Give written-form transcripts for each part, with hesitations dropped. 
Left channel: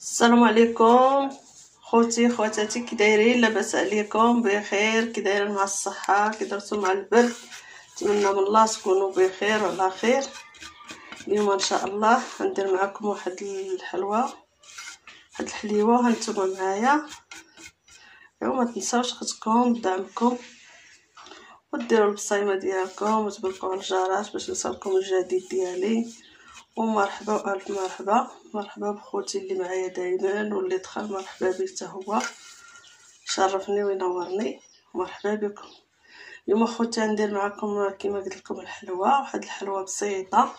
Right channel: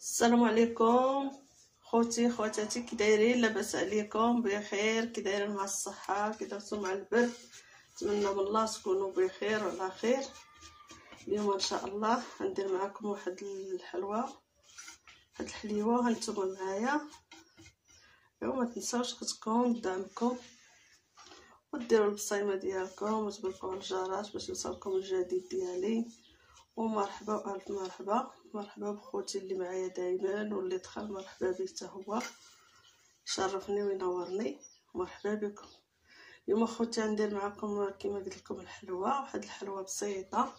السلام عليكم خوتي خواتاتي، كي دايرين؟ لاباس عليكم؟ بخير؟ كي دايرين مع الصحه؟ كي درتو مع البرد؟ نتمنى من الله تكونوا بخير وعلى خير. اليوم ان شاء الله غندير معكم واحد الحلوه، واحد الحليوه. هانتوما معايا. ما تنساوش اختكم بدعمكم وديروا البصيمه ديالكم وتباركوا على الجرس باش يوصلكم الجديد ديالي. ومرحبا والف مرحبا بخوتي اللي معايا دائما، واللي دخل مرحبا به حتى هو، شرفني وينورني. مرحبا بكم. اليوم خوتي ندير معكم كما قلت لكم الحلوه، واحد الحلوه بسيطه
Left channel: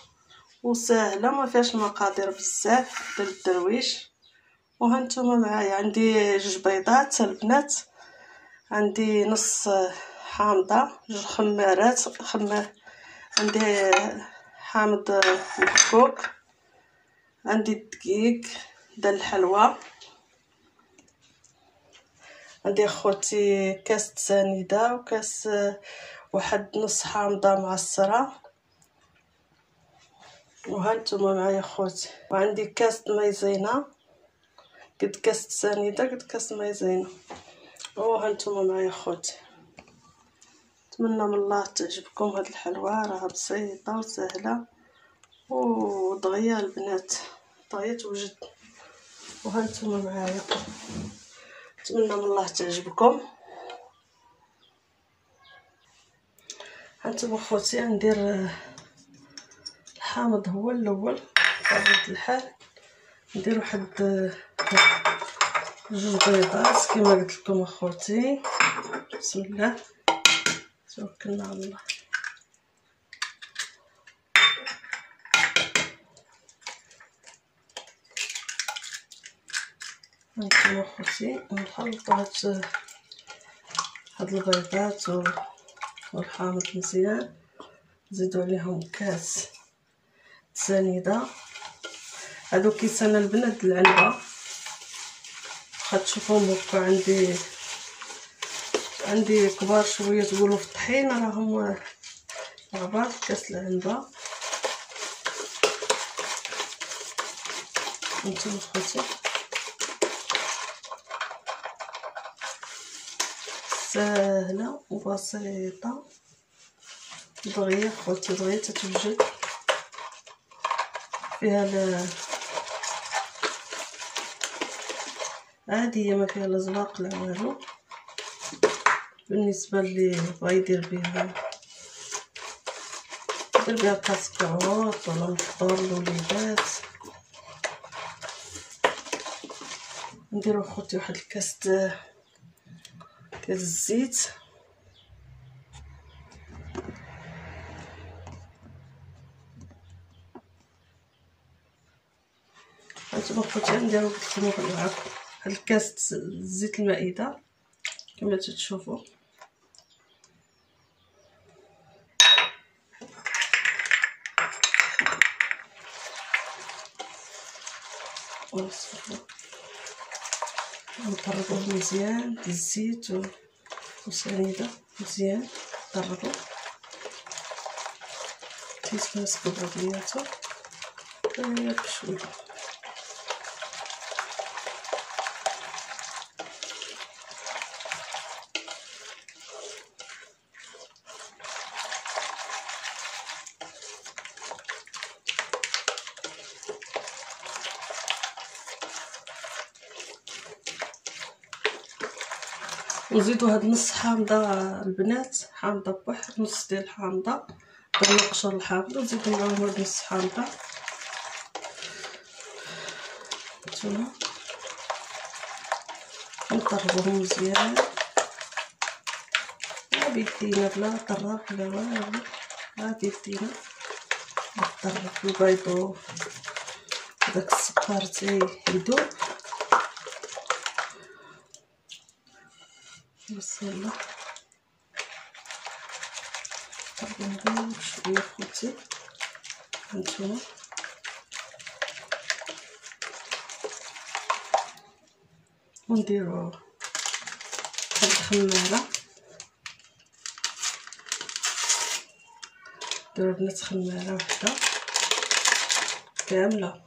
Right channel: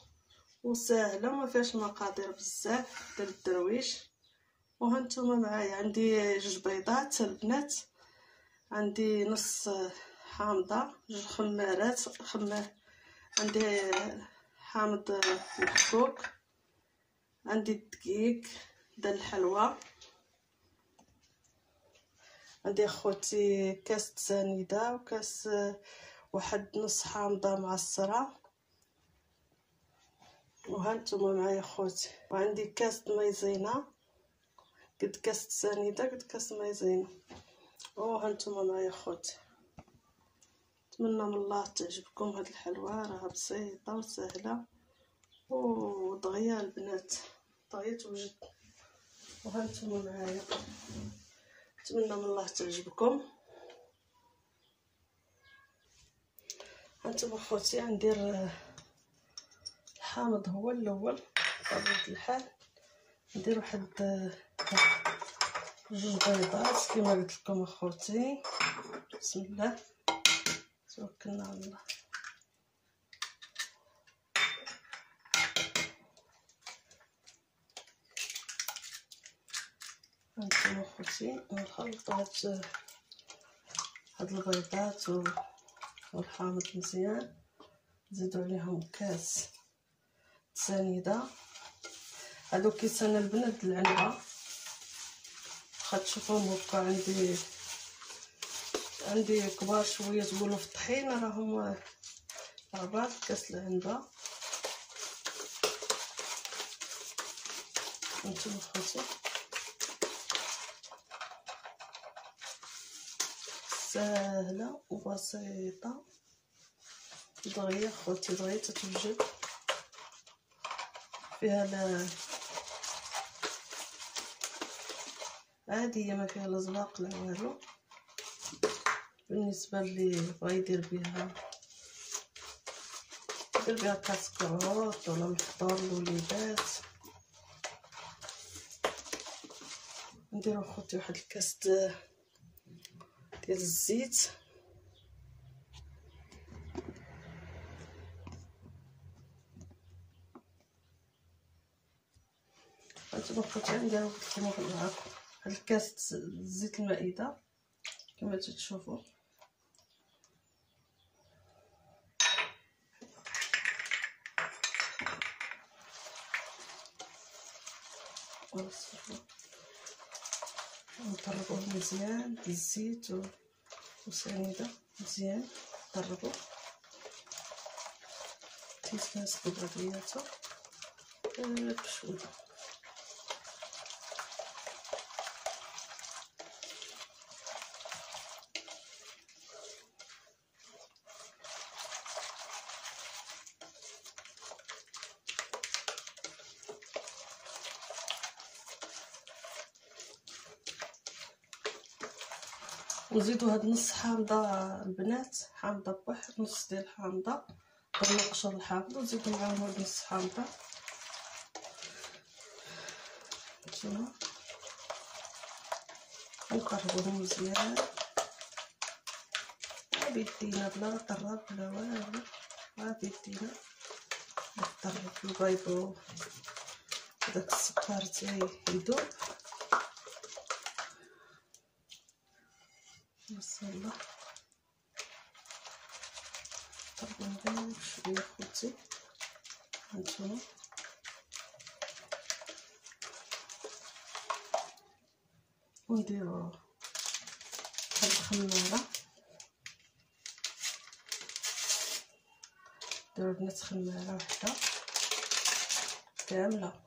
وسهله ما فيهاش المقادير بزاف للدرويش. وهانتوما معايا عندي 2 بيضات البنات، عندي نص حامضه، 2 خمارات عندي حامض محكوك، عندي الدقيق ديال الحلوى، عندي اخوتي كاس سنيده وكاس واحد نص حامضه معصره. وهانتوما معايا اخوتي، وعندي كاس مايزينا قد كاس سنيده قد كاس مايزينا. وهانتوما معايا اخوتي. نتمنى من الله تعجبكم هاد الحلوه، راها بسيطه وسهله ودغيا البنات، دغيا توجد. وهانتوما معايا، نتمنى من الله تعجبكم. هانتوما خوتي ندير الحامض هو الاول بطبيعه الحال. ندير واحد 2 بيضات كما قلت لكم اخوتي. بسم الله توكلنا على الله. هانتوما اخوتي نخلطوا هاد البيضات والحامض مزيان. نزيدوا عليهم كاس سنيده. هادو كيسان البنات العنبه، واخا تشوفوهم هكا عندي كبار شويه تقولوا في الطحين، راهم عبار كاس العنبه. انتم خوتي سهله وبسيطه دغيا خوتي، دغيا تتوجد فيها عاديه، ما فيها لا زواق لا والو. بالنسبه اللي بغا يدير بها كاسكروط ولا مخضر الوليدات. نديرو خوتي واحد الكاس ديال الزيت. هانتوما خوتي نديرو معكم هاد الكاس زيت المائده كما تشوفوا. نطربوه مزيان بالزيت وسنيده مزيان. نطربو تيتماسكو بوحدياتو بشويه. ونزيدو هاد نص حامضه البنات، حامضه بواحد نص ديال الحامضه، ضربنا قشر الحامضه ونزيدو معاهم هاد نص حامضه. هانتوما نطربوهم مزيان بيدينا بلا طراب بلا والو، غادي بيدينا نطرب البيض وداك السكر تيذوب. بسم الله نطربوهم بشويه خوتي. هانتوما ونديرو هاد الخماره، نديرو بنات خماره وحده كامله.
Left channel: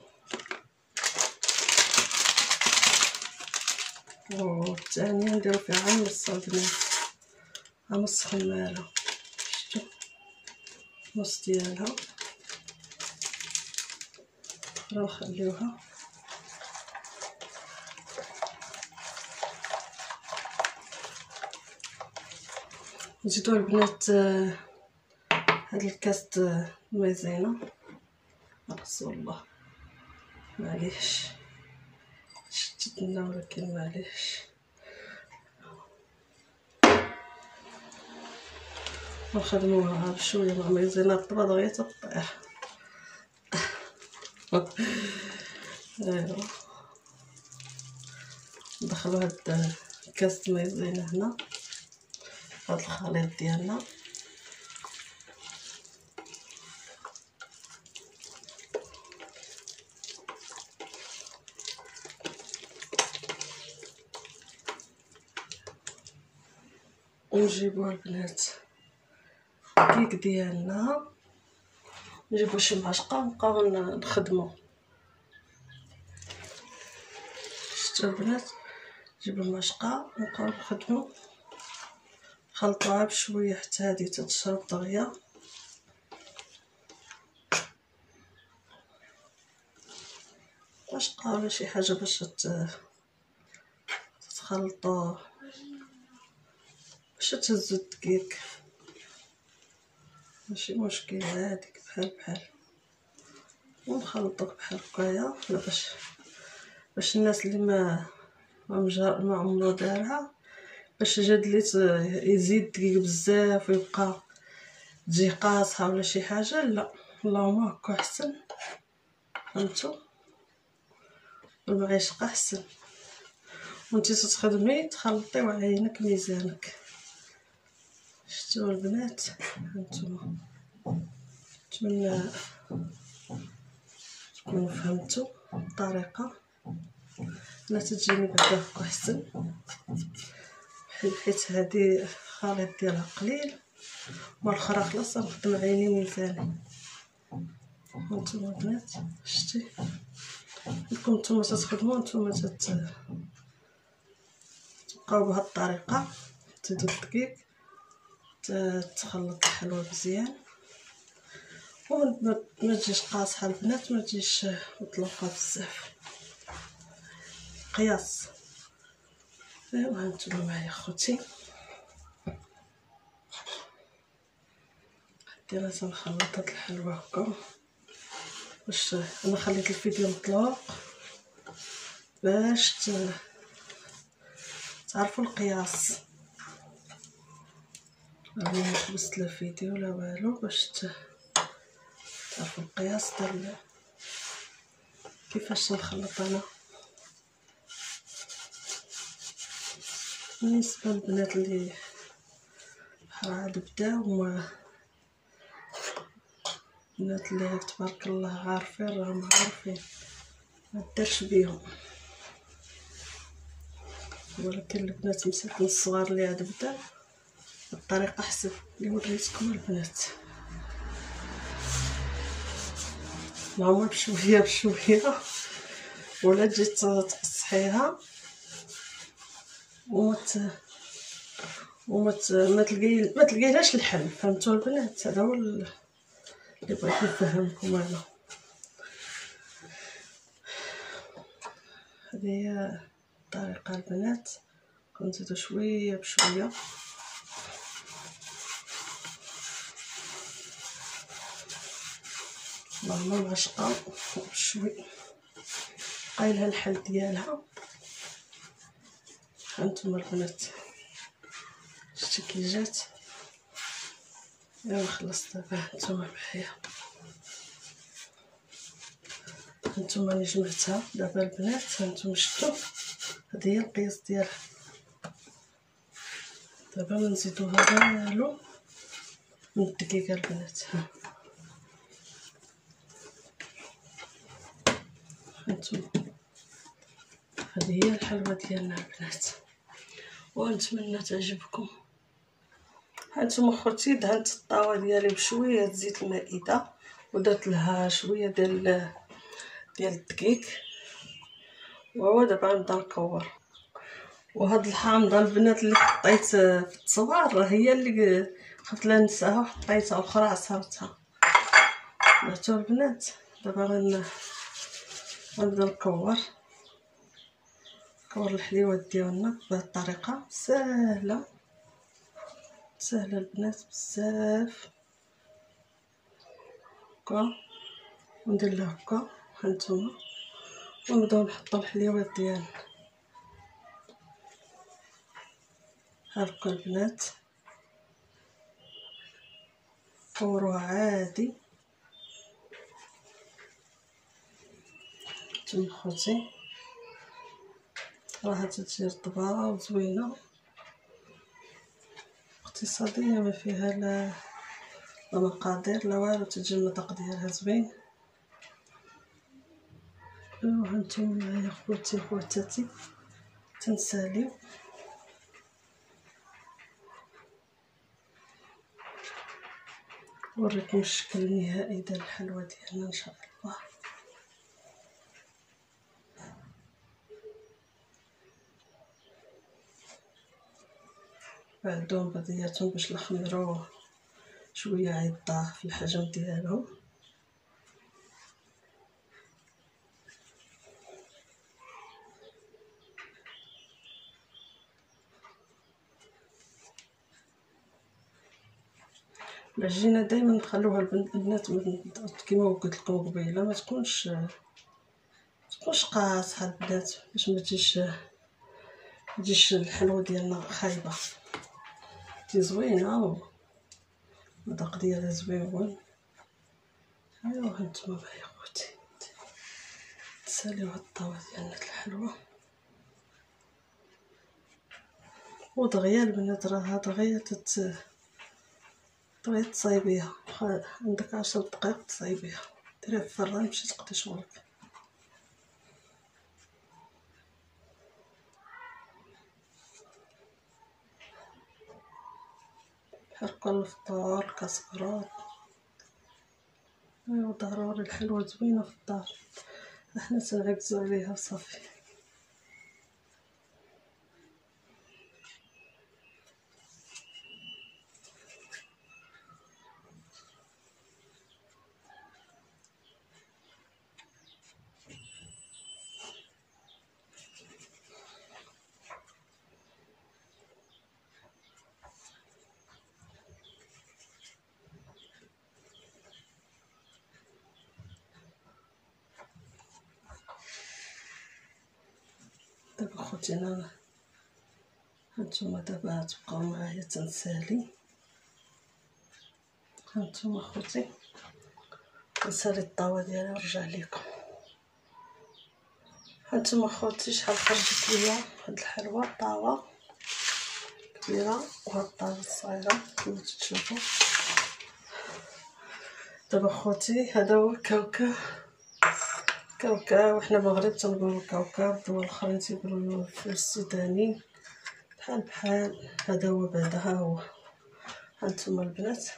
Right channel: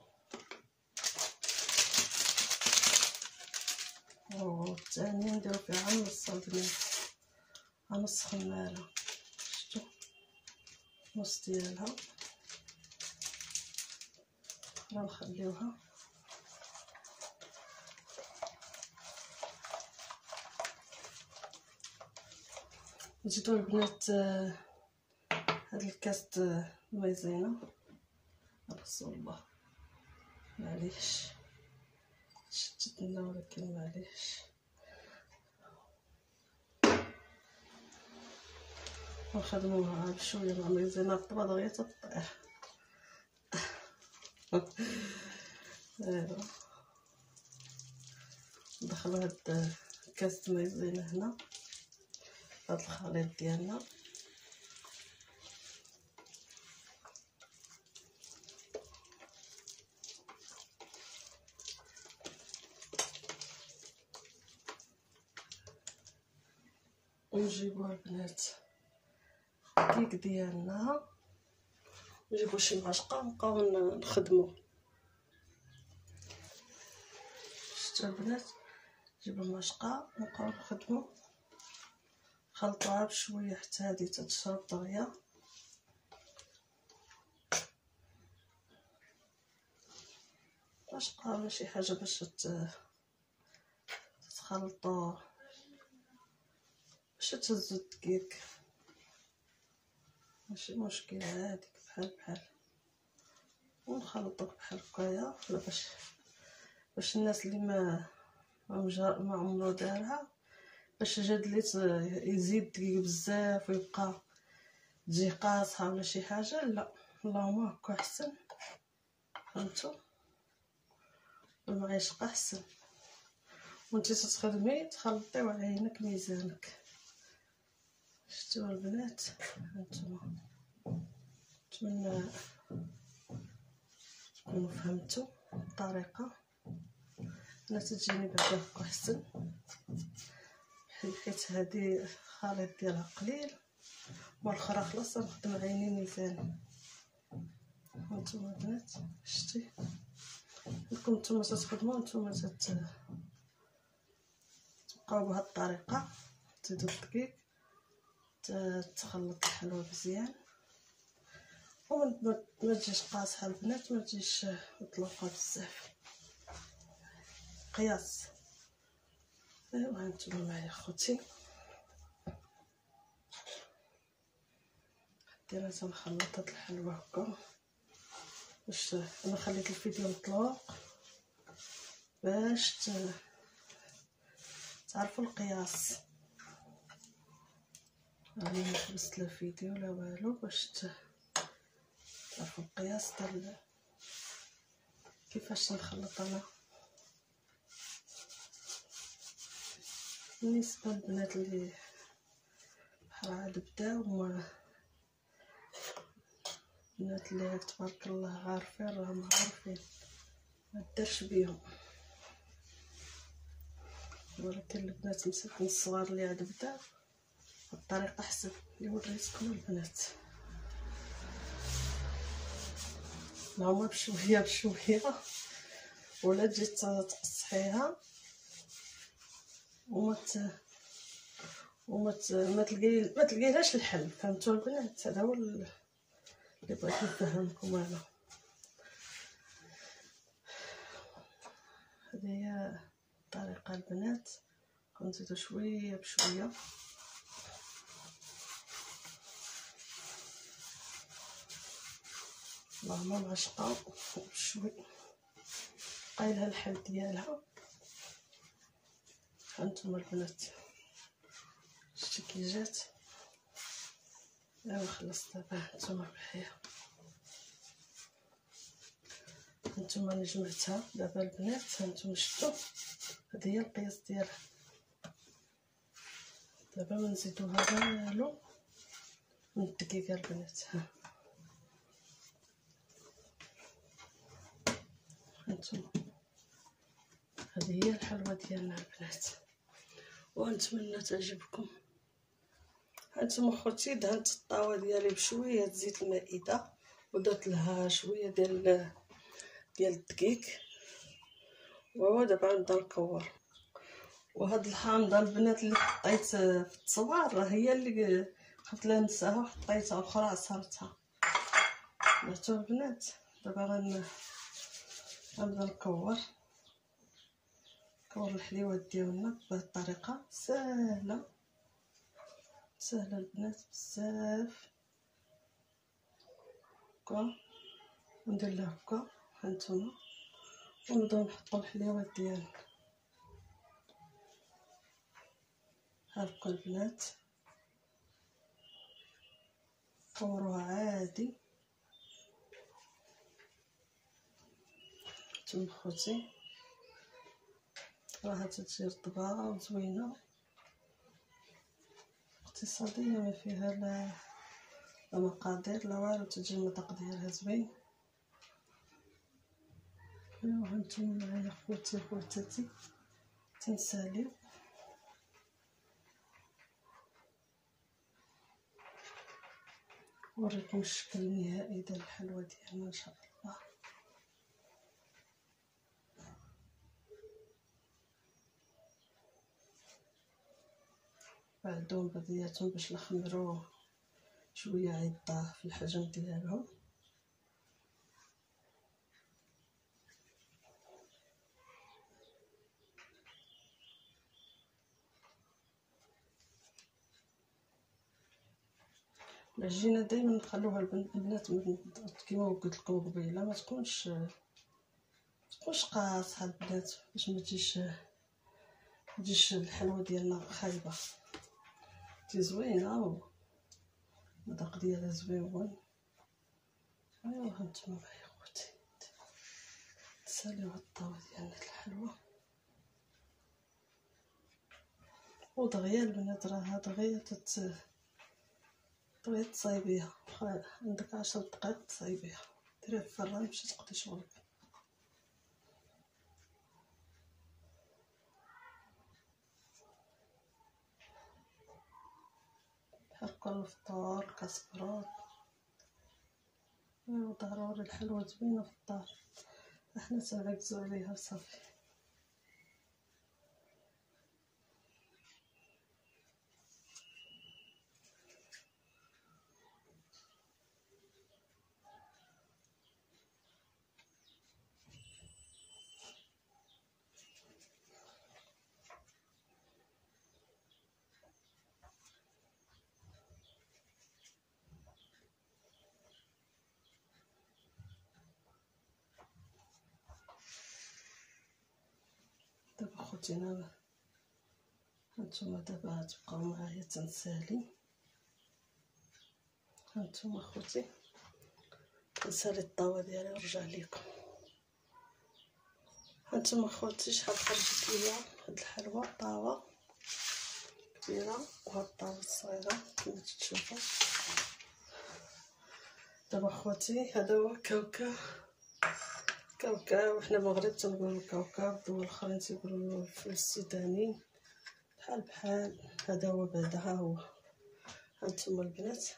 والثانيه نديرو فيها عام نص البنات، عام نص خماله. شفتو نص ديالها نخليوها. نزيدو البنات هاد الكاس مايزينا. رسول الله معليش شتتنا، ولكن معليش نخدموها بشويه مع مايزينا الطبا دغيا تطيح. ايوا ندخلو هاد الكاس مايزينا هنا هاد الخليط ديالنا. ونجيبو البنات الكيك ديالنا، نجيبو شي معشقه ونبقاو نخدمو. شفتو البنات، نجيبو المعشقه ونبقاو نخدمو، نخلطوها بشويه حتى هادي تتشرب دغيا. معشقه ولا شي حاجه باش تخلطو باش تهزو الدقيق، ماشي مشكل، هاديك بحال ونخلطوك بحال هكايا. لا باش الناس اللي ما عمرو دارها، باش جاد لي يزيد الدقيق بزاف ويبقى تجي قاصحه ولا شي حاجه، لا اللهم هكا احسن. فهمتوا؟ المعيشقه احسن، وانتي تخدمي تخلطي وعينك ميزانك. شفتوا البنات؟ هانتوما نتمنى تكونوا فهمتوا الطريقه. انا تجيني بعدا هكا احسن، حيت هادي الخليط ديالها قليل والاخرى خلاص نخدم عيني ميزاني. هانتوما البنات شتي، لكم نتوما تخدموا، نتوما تبقاو بهاد الطريقه، تزيدوا الدقيق، تخلط الحلوى مزيان، وما تجيش قاصحه البنات، ما تجيش مطلوقه بزاف، قياس. ايوا هانتوما معايا خوتي، حتى لازم نخلط هاد الحلوى هكا. باش انا خليت الفيديو مطلوق باش تعرفوا القياس. راني ما حبست لا فيديو لا والو، باش تعرفوا القياس ديال كيفاش نخلط انا. بالنسبه للبنات اللي عاد بداو، البنات اللي تبارك الله عارفين راهم عارفين، ما دارش بيهم. ولكن البنات مساكن الصغار اللي عاد بدا الطريقه احسن اللي وريتكم البنات. هما بشويه ولا تجي تقصحيها ما تلقيلاش الحل. فهمتوا البنات؟ هذا هو اللي بغيت نفهمكم انا. هذه هي الطريقه البنات، كنزيدو شويه بشويه. اللهم معشقه بشوي قايلها الحل ديالها. هانتوما البنات شتي كي جات. ايوا خلصت دابا، هانتوما معايا، هانتوما اللي جمعتها دابا البنات. هانتوما شفتوا هذه هي القياس ديالها. دابا ما نزيدوها والو من الدقيقه البنات. هانتوما هذه هي الحلوى ديالنا البنات، ونتمنى تعجبكم. هانتوما خوتي دهنت الطاوه ديالي بشويه زيت المائده، ودرت لها شويه ديال الدقيق، وهو دابا غنبدا نكور. وهاد الحامضه البنات اللي حطيت في التصوير راه هي اللي خفت لا ننساها وحطيتها اخرى عصرتها. درتو البنات. دابا غنبدا نكور الحليوات ديالنا بهاد الطريقه سهله البنات بزاف. هكا وندير له هكا هانتوما ونبداو نحطو الحليوات ديالنا هاكا البنات. كوروها عادي نتوما خوتي، راها تجي رطبه وزوينه اقتصاديه ما فيها لا مقادير لا والو، تجي المذاق ديالها زوين. ايوا هانتوما معايا خوتي وخواتاتي تنساليو. وريكم الشكل النهائي ديال الحلوى ديالنا ان شاء الله. بعدهم بدياتهم باش نخمروه شويه عيضاه في الحجم ديالهم. العجينه دائما نخلوها البنات كيما قلت لكم قبيله ما تكونش قاصحه البنات باش ما تجيش الحلوى ديالنا خايبه، تجي زوينه المذاق ديالها زوين. ايوا هانتوما معايا خوتي تساليو هاد الطاوه ديالنا الحلوى ودغيا البنات. راه دغيا بغيت تصايبيها عندك 10 دقائق تصايبيها، ديريها في الفران باش تقضي شغلك. حركوا الفطور كاسكروط. ايوا ضروري الحلوى زوينه في الدار، احنا تنعكزو عليها وصافي. دابا خوتي انا هانتوما دابا تبقاو معايا تنسالي. هانتوما خوتي نسالي الطاوه ديالي ونرجع لكم. هانتوما خوتي شحال خرجت ليا هاد الحلوى، طاوه كبيره وهاد الطاوه الصغيره كما تشوفوا. دابا خوتي هذا هو الكاوكاو. وحنا المغرب تنقولوا الكاوكاو، الدول الاخرين تيقولوا الفول السوداني بحال. هذا هو بعدا ها هو. هانتوما البنات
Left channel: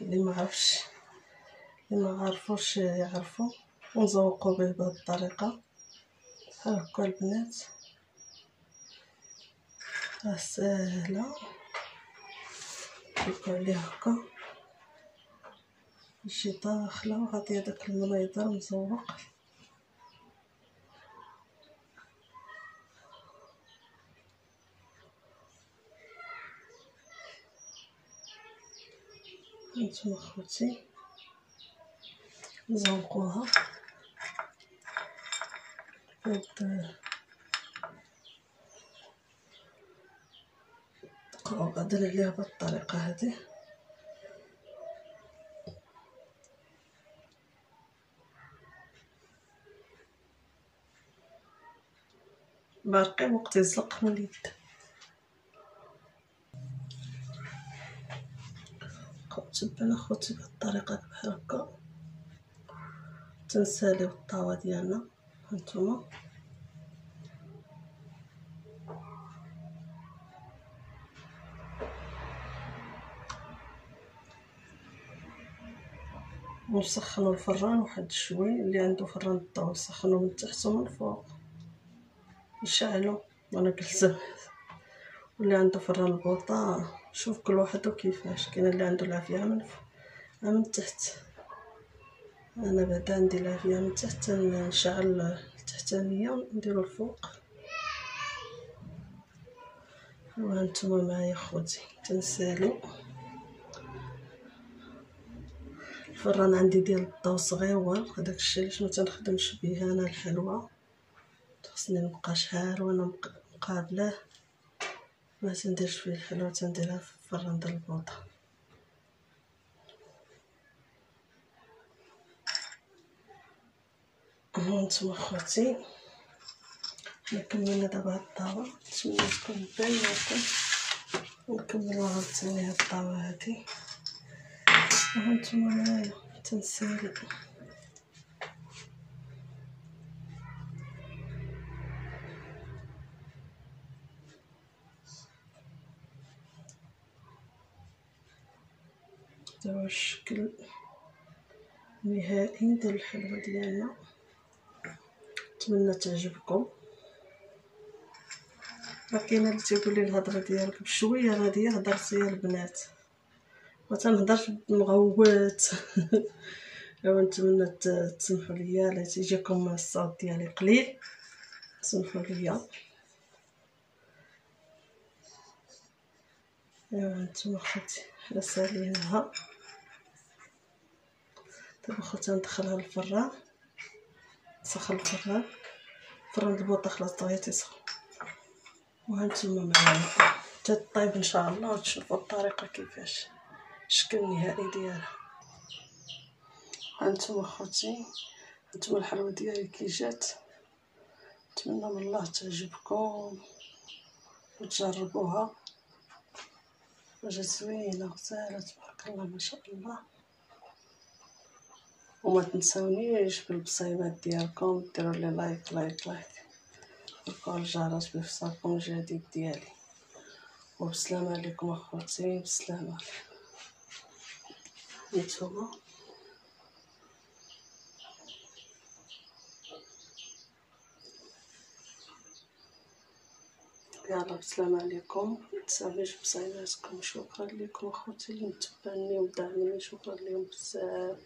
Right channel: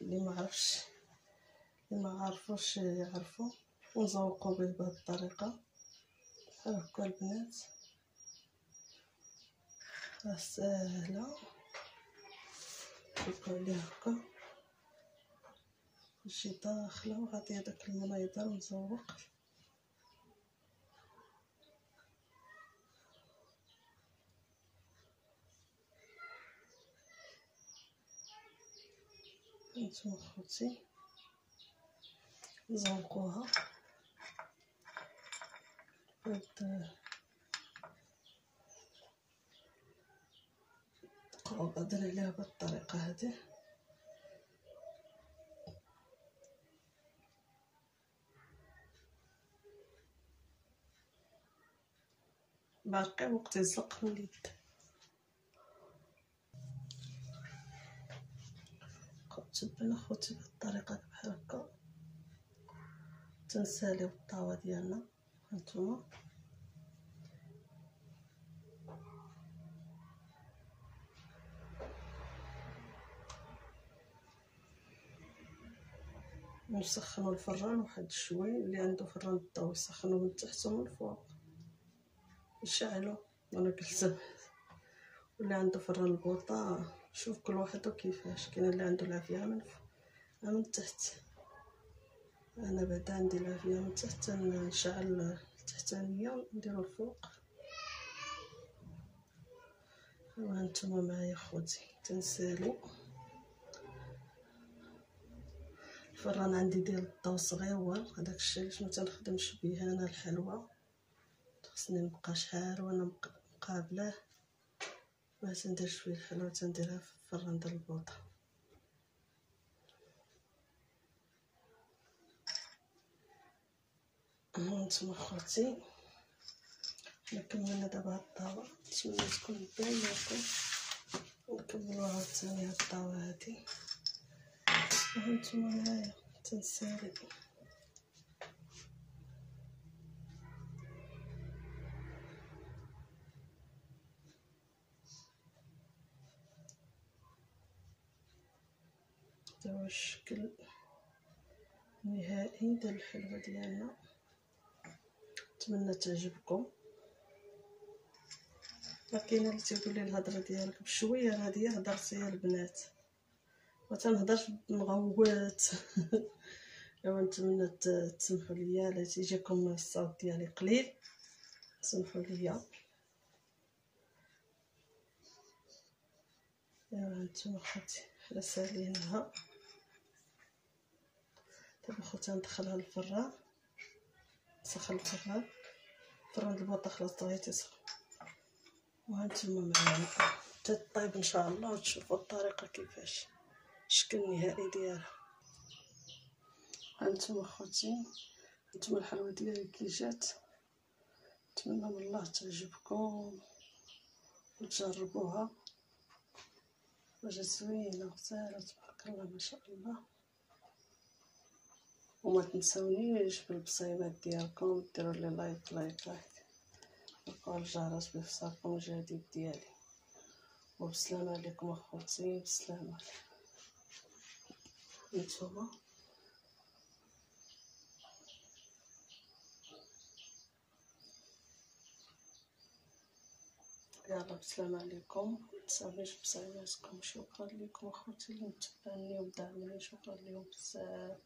اللي ما عرفوش يعرفوا ونزوقوا به بهذه الطريقه. هاكا البنات راه ساهله كيبقى عليها هكا شي داخله وغادي هذاك المنيضه مزوق. هانتوما خوتي نزوقوها بقاو غاديين عليها بهذه الطريقه هذه. باقي وقت يزلق من اليد. تبعنا خوتي بهذه الطريقه بحال هكا تنساليو الطاوه ديالنا. هانتوما ونسخنوا الفران واحد شوي، اللي عنده فران الضوء يسخنوه من تحت ومن فوق. نشعلو وانا جلسه. واللي عنده فران البوطه شوف كل واحد كيفاش، كاين اللي عنده العافيه من تحت. انا بعدا عندي العافيه من تحت، نشعل التحتانيه نديرو الفوق. وهانتوما معايا خوتي تنسالي. الفران عندي ديال الضو صغيور، هداك الشيء علاش ما تنخدمش بيه انا الحلوى، خصني نبقى شحال وانا مقابله. ما تنديرش فيه الحلوى، تنديرها في الفران ديال البوطه. هانتوما خوتي حنا كملنا دابا هاد الطاوه، نتمنى تكون باينه لكم. ونكملو عاوتاني هاد الطاوه هادي. وهانتوما معايا تنسالي. دابا الشكل النهائي ديال الحلوى ديالنا، نتمنى تعجبكم. كاينه اللي تيقول لي الهضره ديالك بشويه غاديه، هضرتي يا البنات ما تنهضرش مغوت. ايوا نتمنى تسمحوا ليا الا تيجيكم الصوت ديالي قليل، سمحوا ليا. ايوا هانتوما خوتي حنا سالينها دابا خوتي، ندخلها للفران، نسخن الفران البوطه خلاص دغيا تيسخن. وهانتوما معايا تطيب ان شاء الله، وتشوفوا الطريقه كيفاش الشكل النهائي ديالها. هانتوما خوتي، هانتوما الحلوى ديالي كي جات، نتمنى من الله تعجبكم وتجربوها. وجات زوينه غزاله تبارك الله ما شاء الله. وما تنساونيش بالبصيمات ديالكم، ديروا لي لايك لايك لايك، وفعلوا الجرس بإفصالكم الجديد ديالي. وبسلامة عليكم اخوتي، بسلامة. نتوما يلا بسلامة عليكم، متنساونيش بصيماتكم. شكرا لكم اخوتي اللي متبعيني وداعميني، شكرا لكم بزاف.